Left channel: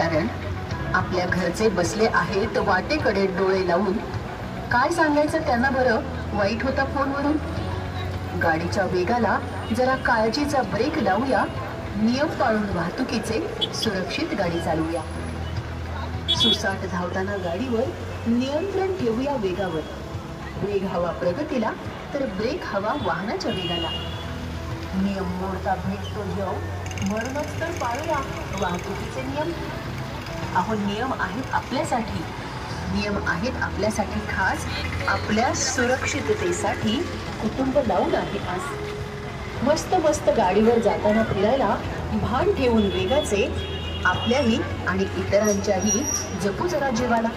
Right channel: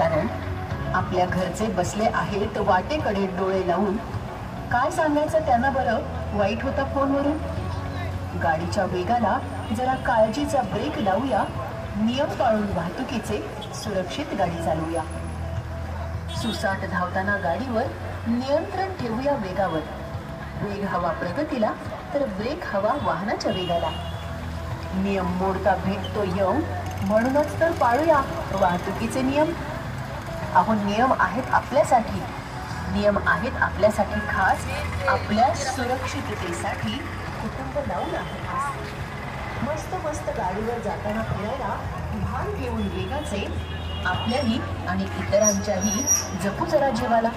कारण आपल्या घरचे बसले आहेत वाटेकडे डोळे लावून. काय सांगायचं त्यांना बरं, वाईट होता फोनवरून. गाडीच्या वेगाला जरा काळजीचा ब्रेक लावूया, नियम पाळून वाहतुकीचे सुरक्षित गाडी चालवूया. सुसाट धावताना गाडीवर नियंत्रण ठेवूया वेगावर. वेग हवा प्रगतीला तर ब्रेक हवा वाहनाच्या वेगाला. नियम मोडता भेटतो यम, म्हणूनच तर पाळूया वाहतुकीचे नियम. अहो नियम आहेत आपल्यासाठी, नियम आहेत आपल्यासाठी खास, आपल्या सुरक्षिततेसाठी कुटुंब लावून आहे खास. मस्त मस्त गाडीवर जाताना फिरायला भान ठेवून वेगाचे, आपल्याही आणि इतरांच्याही जपू जरा जीवाला.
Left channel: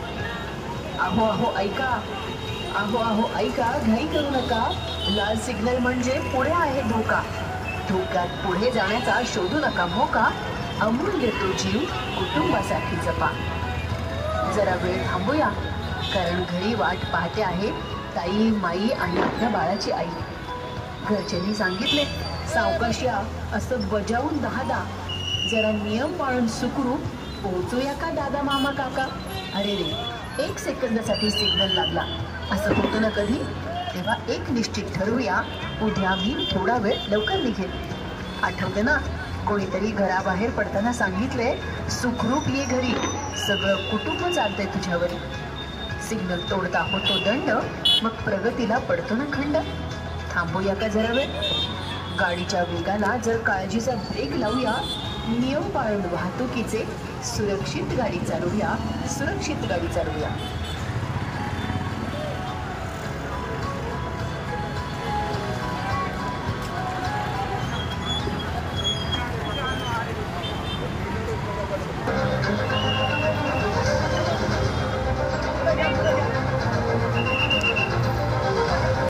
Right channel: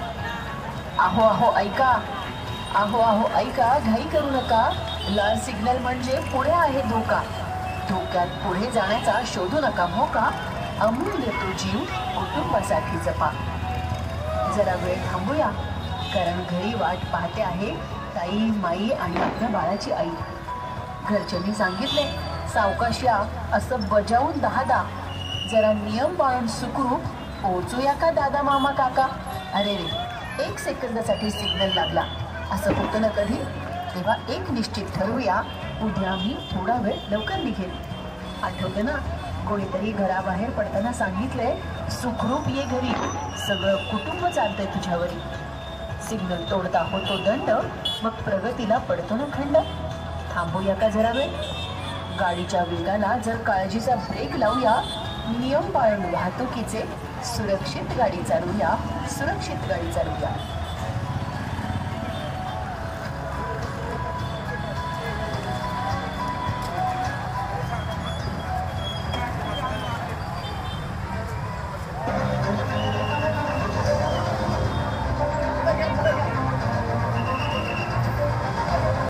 आहो आहो ऐका, आहो आहो ऐका, घाई करू नका. लाल सिग्नल म्हणजे पुढे आहे धोका. धोक्यात पुढे जाण्याचा शोधू नका मोका. अमूल्य तो जीव कुटुंबासाठी जपा. जरा वेळ थांबूया, कारण घरी वाट पाहते आहे ताई, माई आणि आपल्या बाळाची आई. घरच्यांनी सांगितले सावकाश या, असं बजावून 10दा. जरा नियम पाळून सुखरूप पोहोचूया का दादा मामा काका. अरे रे, 1 सेकंदासाठी सिग्नल लागला, असं होतं ना कधी. तेव्हा एक निश्चित ठरवूया, उद्या मी थोडा वेळ लवकर निघेल. आठवते ना, कोणीतरी घराबाहेर पडताना सांगितले सुखरूप ये घरी, सगळं कुटुंब चालतंय तुझ्यावरी. सिग्नल तोडता होतो दंड, मग प्रगतीला पडतो ना खंड. थांबूया का जरा वेळ, गाडीच्या वेगाला जर काळजीचा ब्रेक लावूया. नियम पाळून वाहतुकीचे सुरक्षित गाडी चालवूया, सुरक्षित गाडी चालवूया.